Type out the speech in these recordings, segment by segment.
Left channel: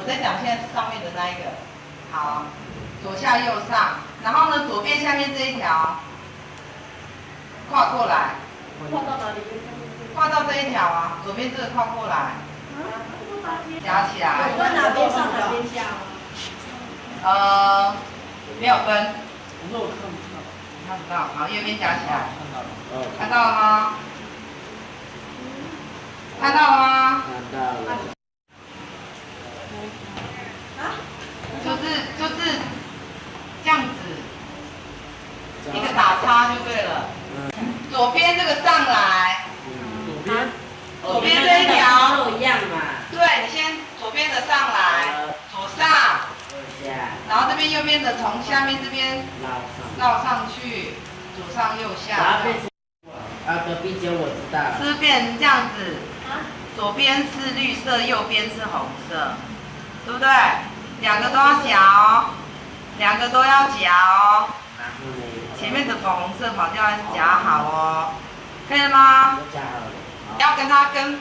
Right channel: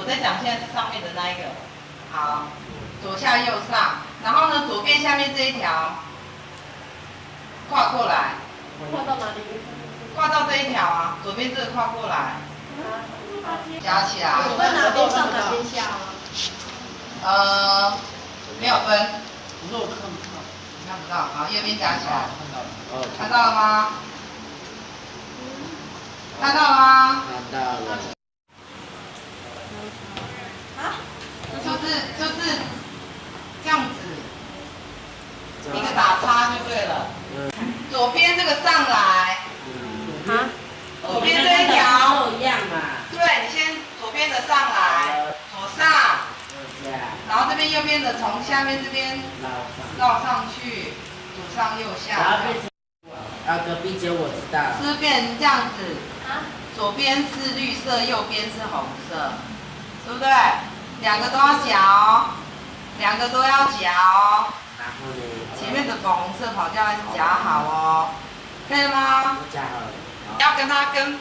我在讲现在是上面的那一个。好，左下右上，然后呢，左边下面这一条跨过来。跨到哪里？跨到这一条啊，左边这个跨过来，夹起来。有分哪边上哪边下没有分。不是我看不到。看不到，好，右边夹起来。看到了。看到了吗？看到了吗？看到了。就是这样子，一个打叉就对了。左边这个上来，左边这一条都一样嘛。对，你先左边的上来，左上，然后这边右边的从下面这边绕上去，左上右下。隔壁间我知道。是不是变成这样子？左边是绿色，右边是红色，对不对？两个都要夹哦，两个都要夹哦。前面的粉红色跑掉要夹好哦，可以了吗？夹好了。要跟它跟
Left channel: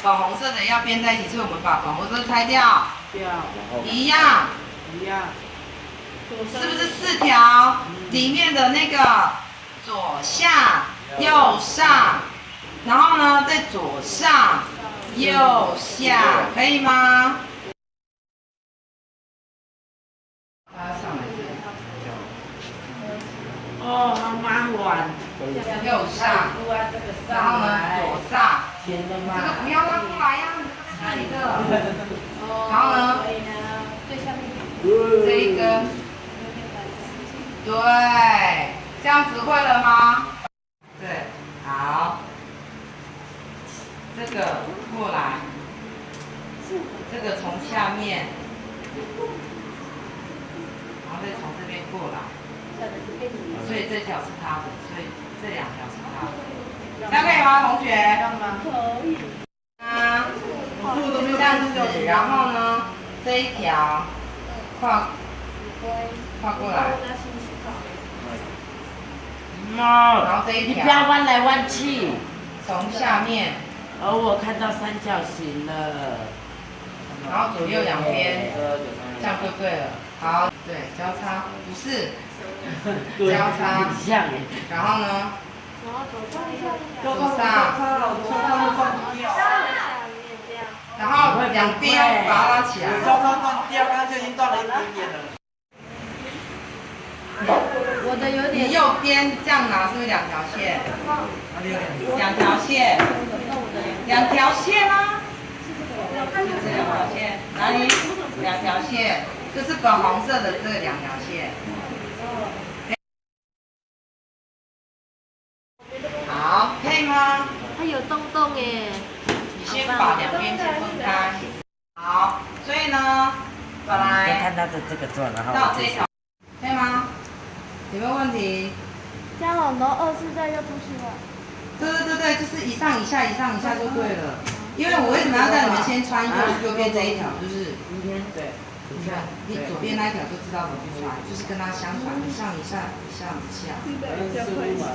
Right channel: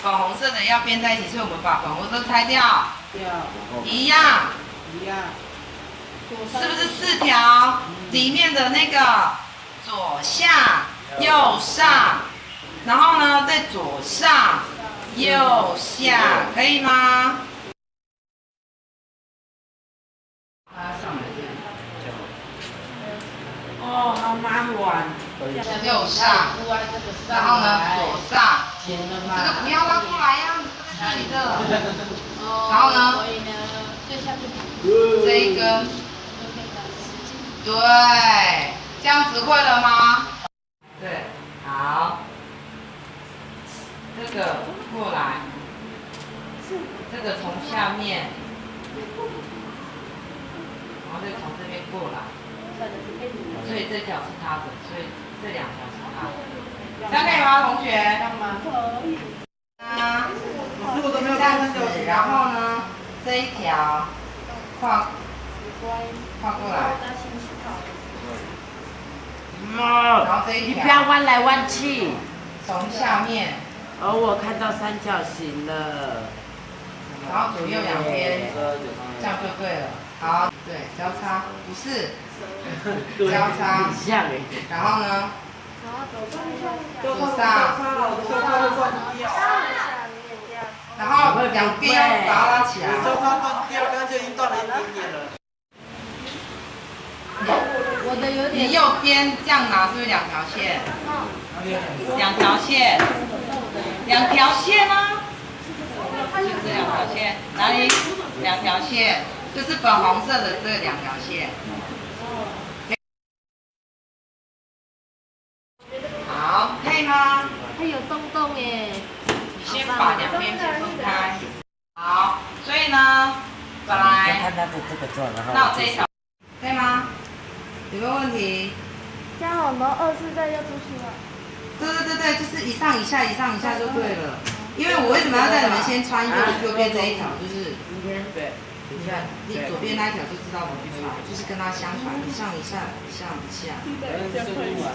粉红色的要编在一起，所以我们把粉红色拆掉。一样。是不是4条？里面的那个左下右上，然后呢再左上右下，可以吗？上来这里。哦，好麻烦。右上，然后呢左上，这个不要拉过来呀，这里的。然后呢，最下面这一根，对，这样子会了吗？对，好，这个过来，这个从下面，然后再从这边过来，所以这条是他的，所以这2条是他的，这样可以吗，同学？可以。这样子，然后呢，这一条跨过来，然后这一条，你不要弯来弯去。从下面，我看到三角形了。然后左右两边，这样就对了。好，对，交叉，不是，交叉，很像哎。然后呢？然后左上，然后两边把它拉起来。双方断掉，刚刚就已经断了1点点了。我的有点。你右边这样拿是不是2条线？2条线，2条线啊，就是2条线，哪里？2条线，就是粉红色的这2条线。好，可以吗？它有洞洞耶。你先把两边先分开。好，所以呢，本来看他的这个状，然后那我这一条，可以吗？有没有问题？这样好，然后24再又出去了。对，就是一上一下，一上一下就对了。因为我为什么要叫你们先穿右边这一条？就是对，你看，你左边那一条就知道怎么穿，就是跟它相反，一上一下，一上一下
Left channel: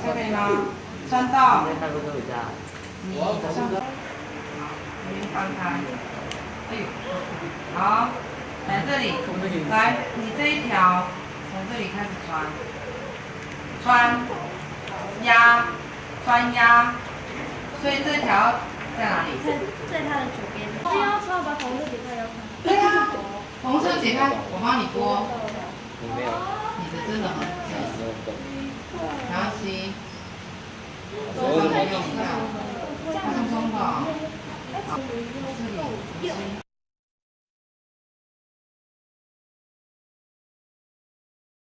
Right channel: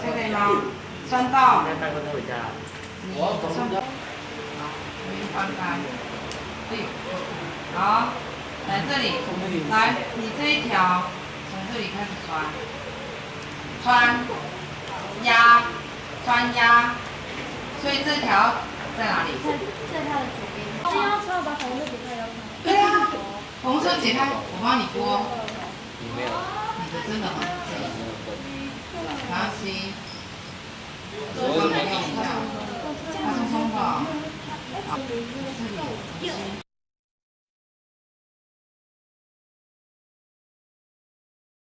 ，OK 吗？穿到你上，好，你翻开，哎呦，好，来这里，来你这一条从这里开始穿压，所以这条在哪里？在它的左边。这要穿把红色解开要穿。对啊，红色解开，我帮你拨。你的真的很紧，没关系，手指用一下，轻松的。好，这里。